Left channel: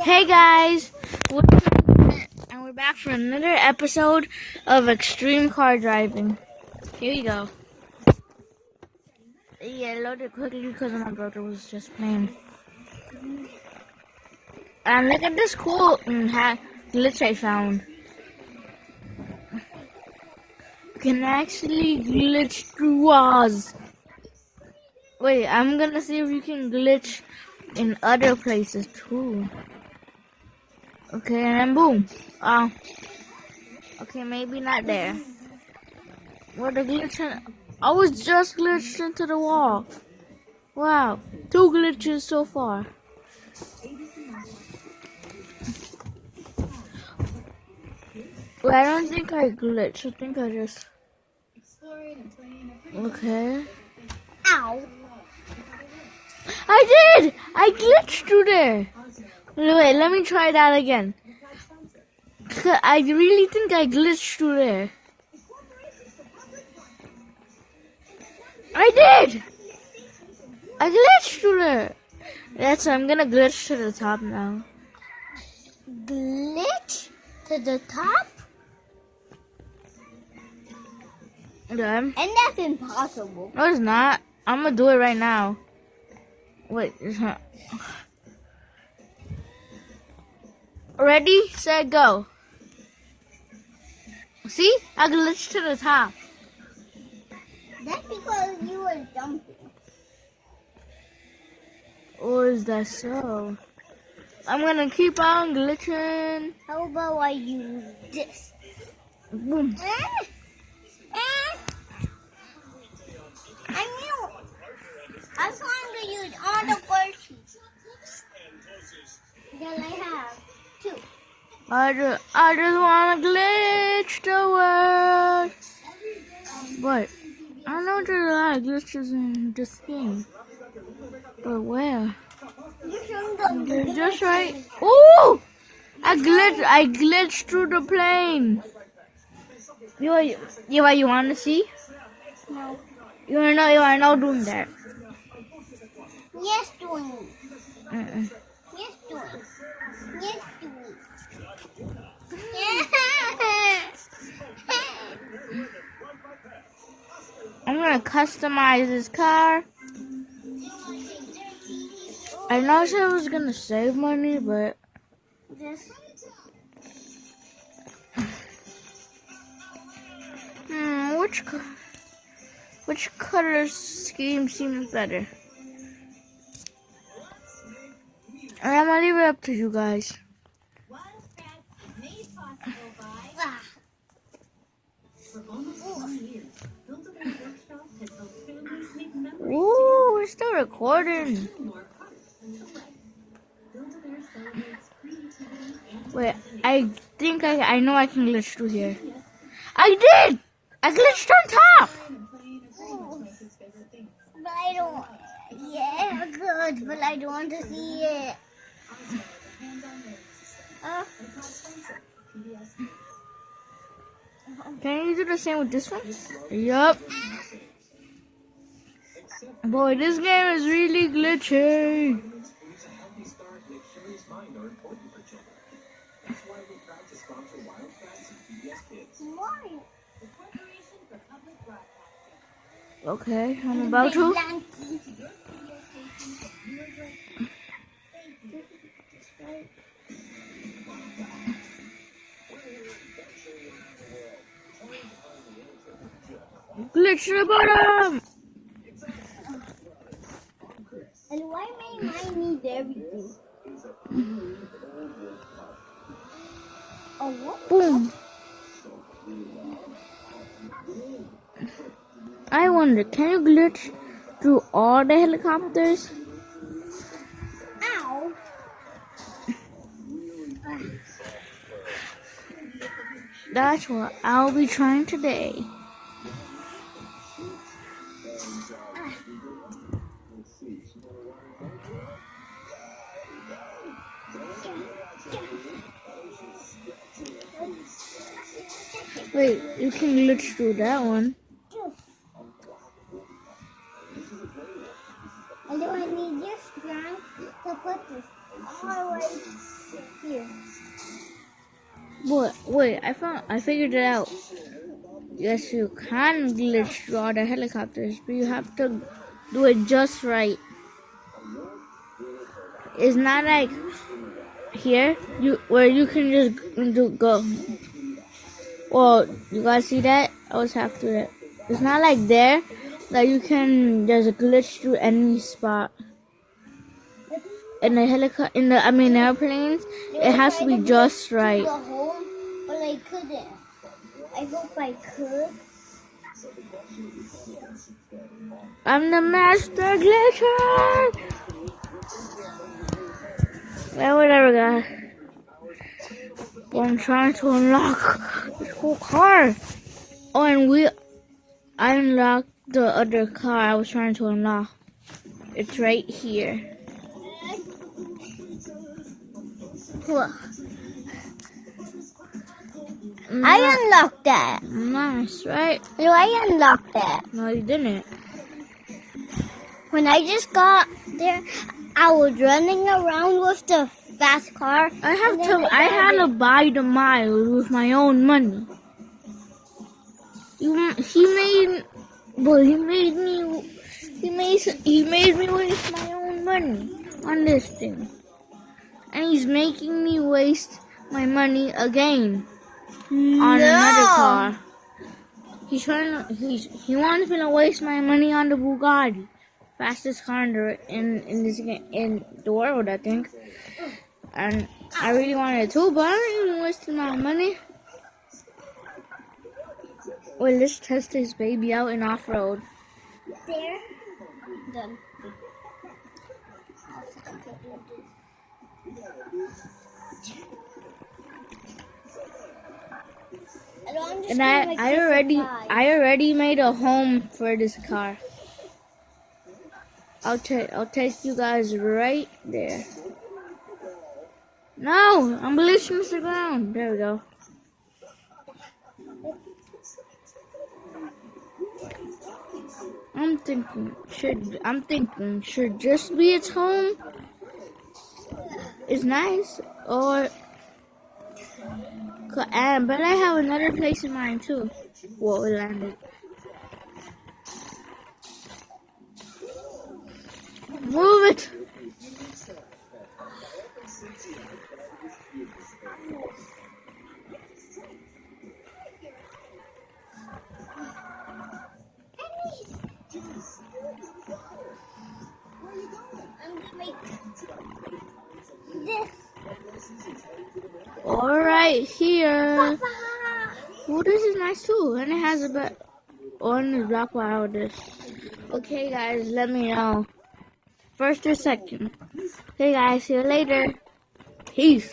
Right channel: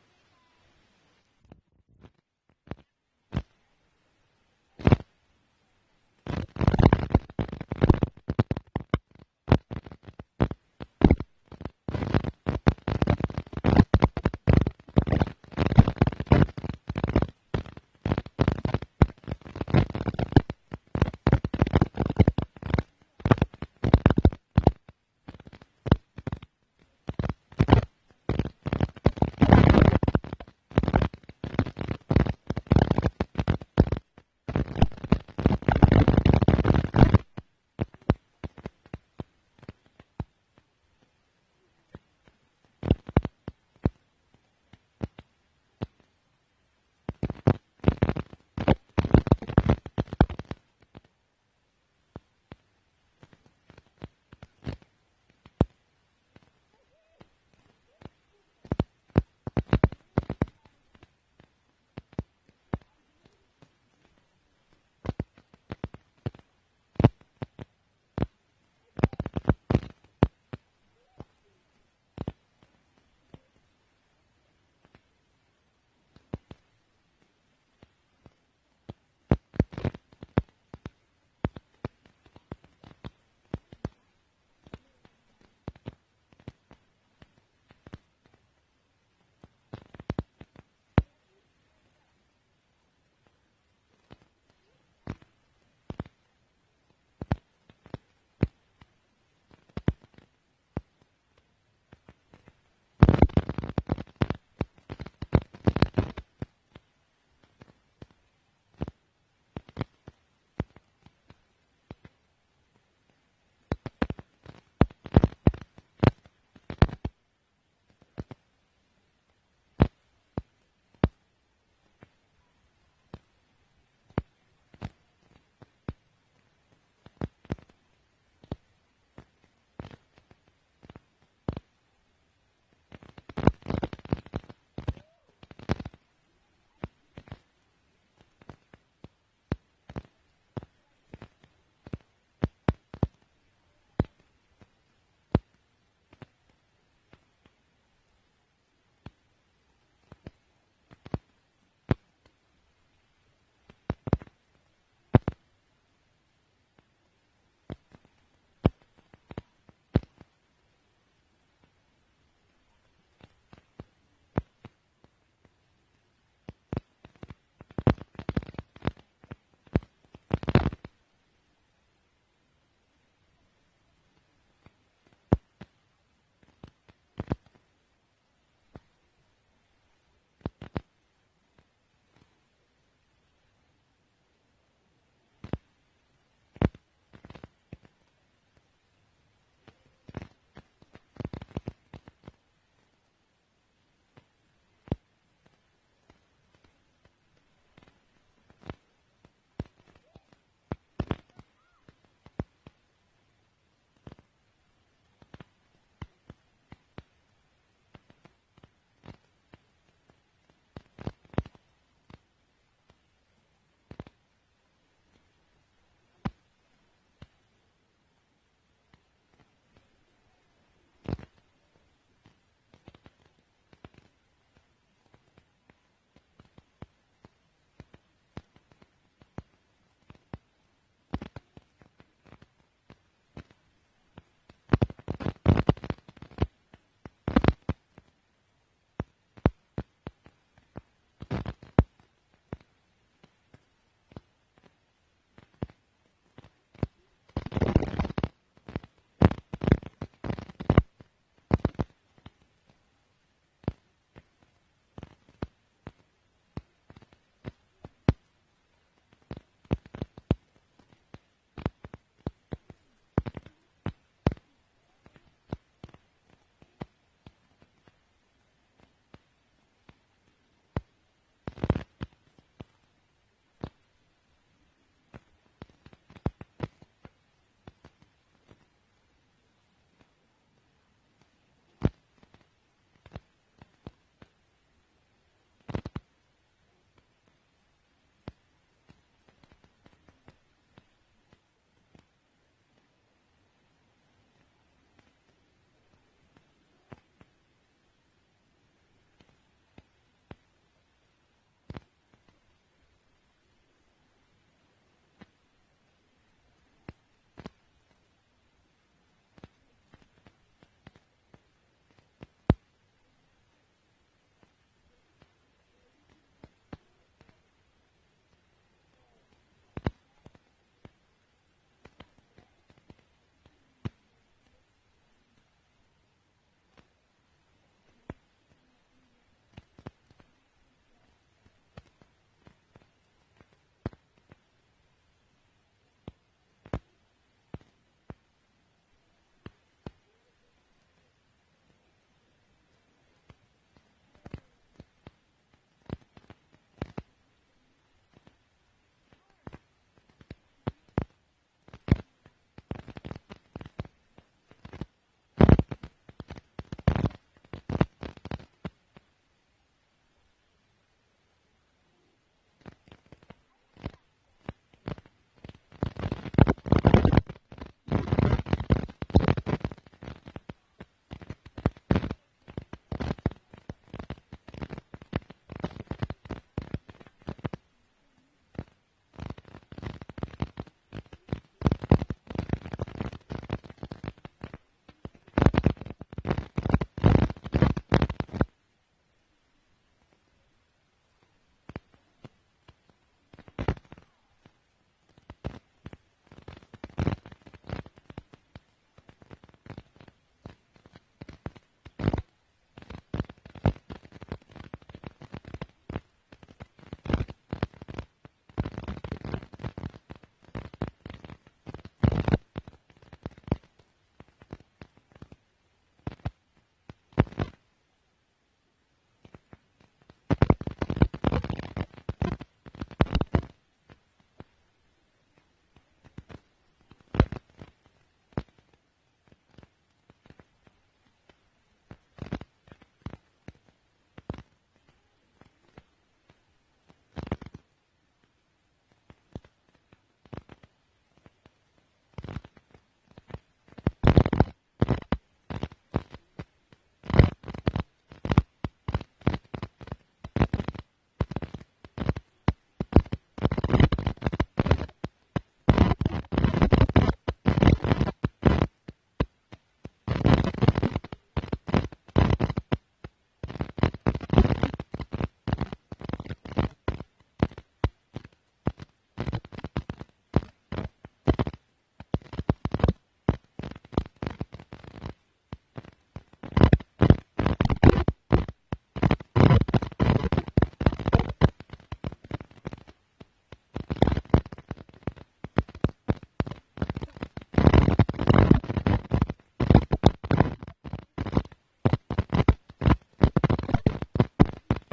Hey guys, and we're back for another episode of Extreme Car Driving. Here you go. Yeah, load it quickly because my brother was just playing. And look at this cool glitch I found. Can actually glitch through walls. Wait, I'm gonna see if you can glitch in other places too. Okay, and then boom. Okay, maybe not there. Where the glitch? I was just glitched into the wall. Wow, 2 glitches so far. Well, I don't think I glitched. I think I just. Okay. Ow! I did! I glitched through there. Wait, let me try that again. I really think I glitched through there. I did! I glitched through there. That's I'm gonna glitch to the top now. Glitch to the top? Yeah. And that's impossible. No, it's not. I'm gonna do it right now. Wait, it's not. Ready, set, go. See? I glitched to the top. That's because you were jumping. Or is that so? I'm gonna keep on glitching. How about I use this? Boom. I knew. I was going to use all the virtues that I have. 2. I just wanna glitch the world. But I know there's a lot of glitches in this game. But where? They're just right. Ooh! I glitched through the plane. You want to see? No. You wanna know doing that? Yes, doing it. Yes, doing it. Yes, doing it. I'm gonna customize this car. I know I said I was gonna save money, but This. which color scheme seems better? I'm gonna leave it up to you guys. Ooh, we're still recording. Wait, I think I know I can glitch through here. I did! I glitched on top! But I don't. Yeah, good, but I don't want to see it. Can you do the same with this one? Yup. Boy, this game is really glitchy. Okay, I'm about to. Glitch to the bottom! And why may mine need everything? Oh, what? Boom. I wonder, can you glitch through all the helicopters? Ow! That's what I'll be trying today. Wait, you can glitch through that one. And do I need your strength to put this all the way But wait, I figured it out. Yes, you can glitch through all the helicopters, but you have to do it just right. It's not like here, where you can just go. Well, you guys see that? I was half through it. It's not like there that you can just glitch through any spot. In the airplanes, it has to be just right. Go home, but I couldn't. I hope I could. I'm the master glitcher. Well, whatever, guys. I'm trying to unlock this whole car. Oh, and I unlocked the other car I was trying to unlock. It's right here. Look. I unlocked that. Nice, right? No, I unlocked that. No, you didn't. When I just got there, I was running around with the fast car. I had to buy the miles with my own money. He made me waste my own money on this thing, and he's making me waste my money again on another car. He wants me to waste my money on the Bugatti, fastest car in the world, I think. And I really wanted to, but I don't even waste my money. Wait, let's test this baby out in off-road. There. Done. And I already made a home for this car. I'll take you guys right there. No, I'm glitching the ground. There we go. I'm thinking should just be its home. It's nice, but I have another place in mind too. Whoa, move it. Right here. Well, this is nice too, and it has a bit on the block wire. Okay, guys, let me know first or second. Okay, guys, see you later. Peace.